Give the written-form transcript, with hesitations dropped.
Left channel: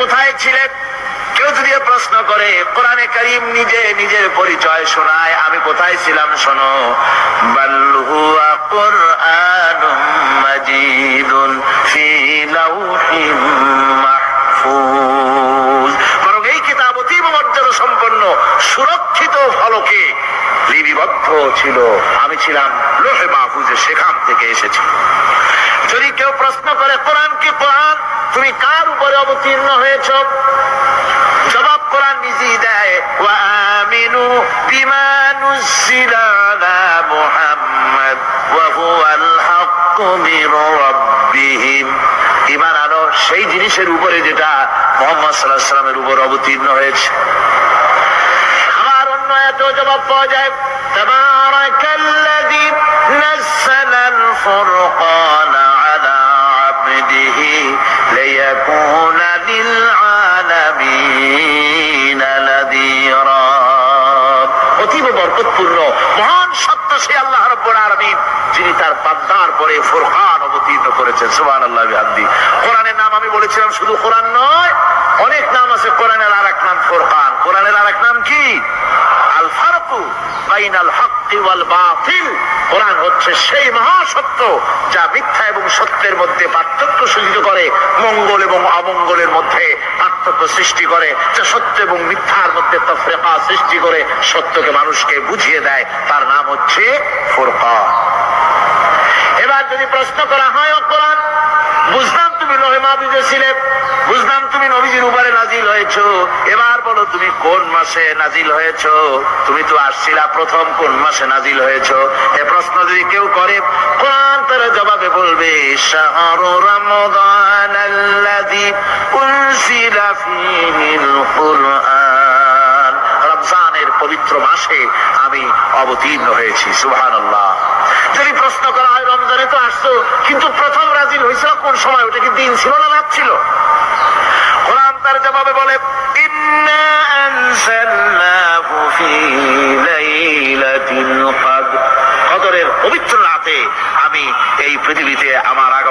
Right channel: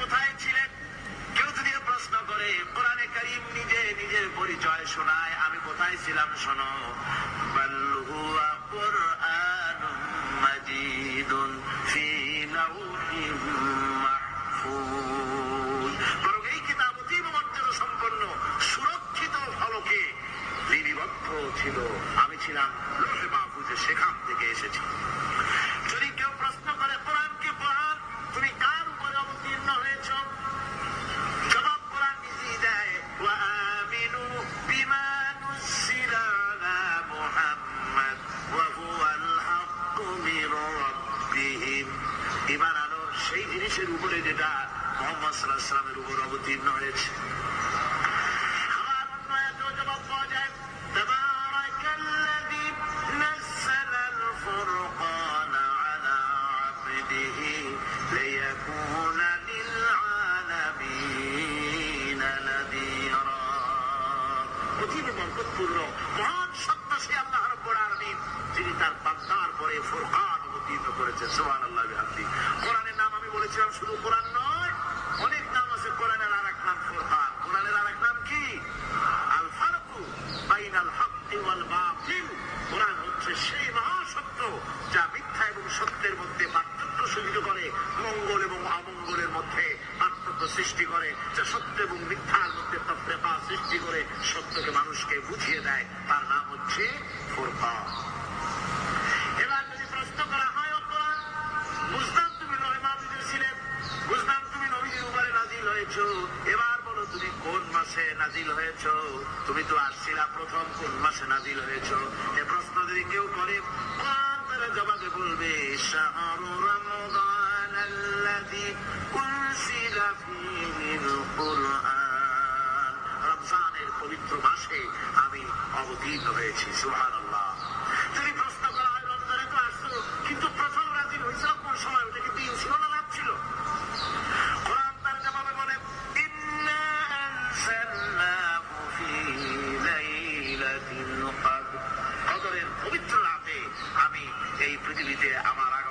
কোথায় ছিলেন? কেউ যদি প্রশ্ন করে, কোরআনে কারীম নিজে নিজের পরিচয় শোনায়, আমি কোথায় ছিলাম শোনো। বাল হুয়া কুরআনুম মাজিদুন ফি লাউহিম মাহফুজ। বরং এই কিতাব অতীব মর্যাদা সম্পন্ন, সুরক্ষিত ফলকে লিপিবদ্ধ ছিল। আমি ছিলাম লোহে মাহফুজে, সেখান থেকে এসেছি। যদি কেউ প্রশ্ন করে, কোরআন কি কোরআন, তুমি কার উপরে অবতীর্ণ হয়েছ? জবাব কোরআন নিজেই দেয়, ওয়া আমিনু বিমা নুযিলা আলা মুহাম্মাদ ওয়া হুয়াল হাক্কু মির রাব্বিহিম। ঈমান আনো সেই জিনিসের উপরে যেটা মুহাম্মদ সাল্লাল্লাহু আলাইহি ওয়াসাল্লামের উপর অবতীর্ণ হয়েছে। আবার অন্য আয়াতেও জবাব পাওয়া যায়, তাবারাকাল্লাযী নাযালাল ফুরকানা আলা আবদিহি লিয়াকুনা লিল আলামিনা নাযীরা। অতীব বরকতপূর্ণ মহান সত্য সেই আল্লাহ রাব্বুল আলামিন, যিনি তার বান্দার পরে ফুরকান অবতীর্ণ করেছেন। সুবহানাল্লাহ বিহামদি। কোরআনের নাম আমি বলেছিলাম শুধু কোরআন নয়, অনেক নাম আছে। কোরআনের আরেক নাম ফুরকান। কোরআনের আরেক নাম কি? আল ফারকু বাইনাল হাক্কি ওয়াল বাতিল। কোরআন হচ্ছে সেই মহাসত্য যা মিথ্যা এবং সত্যের মধ্যে পার্থক্য সৃষ্টি করে, মঙ্গল এবং অমঙ্গলের মধ্যে পার্থক্য সৃষ্টি করে, যা সত্য এবং মিথ্যার মধ্যে তাফরিকা সৃষ্টি করে সত্যকে মানুষকে বুঝিয়ে দেয়। তার নাম হচ্ছে ফুরকান। এবার যদি প্রশ্ন করা হয়, ও কোরআন, বুঝলাম তুমি লোহে মাহফুজে ছিলে, বুঝলাম তুমি নবীজির উপরে নাজিল হয়েছো, এবার বলো তুমি কোন মাসে নাজিল হয়েছো? তুমি তো আসছিলা প্রথম, কোন মাসে নাজিল হয়েছো? এ প্রশ্ন যদি কেউ করে, কোরআন তার জবাবে বলবে, শাহরু রমাদান আল্লাযী উনজিলা ফীহিল কুরআন। রমজানের পবিত্র মাসে আমি অবতীর্ণ হয়েছি। সুবহানাল্লাহ। যদি প্রশ্ন করা হয়, রমজানে তো আসছো, কিন্তু প্রথম নাজিল হয়েছিল কোন সময়? ওটা কি দিন ছিল না রাত ছিল? কোরআন তার জবাবে বলে, ইন্না আনজালনাহু ফী লাইলাতিল কদর। কদরের পবিত্র রাতে আমি এই পৃথিবীতে আমার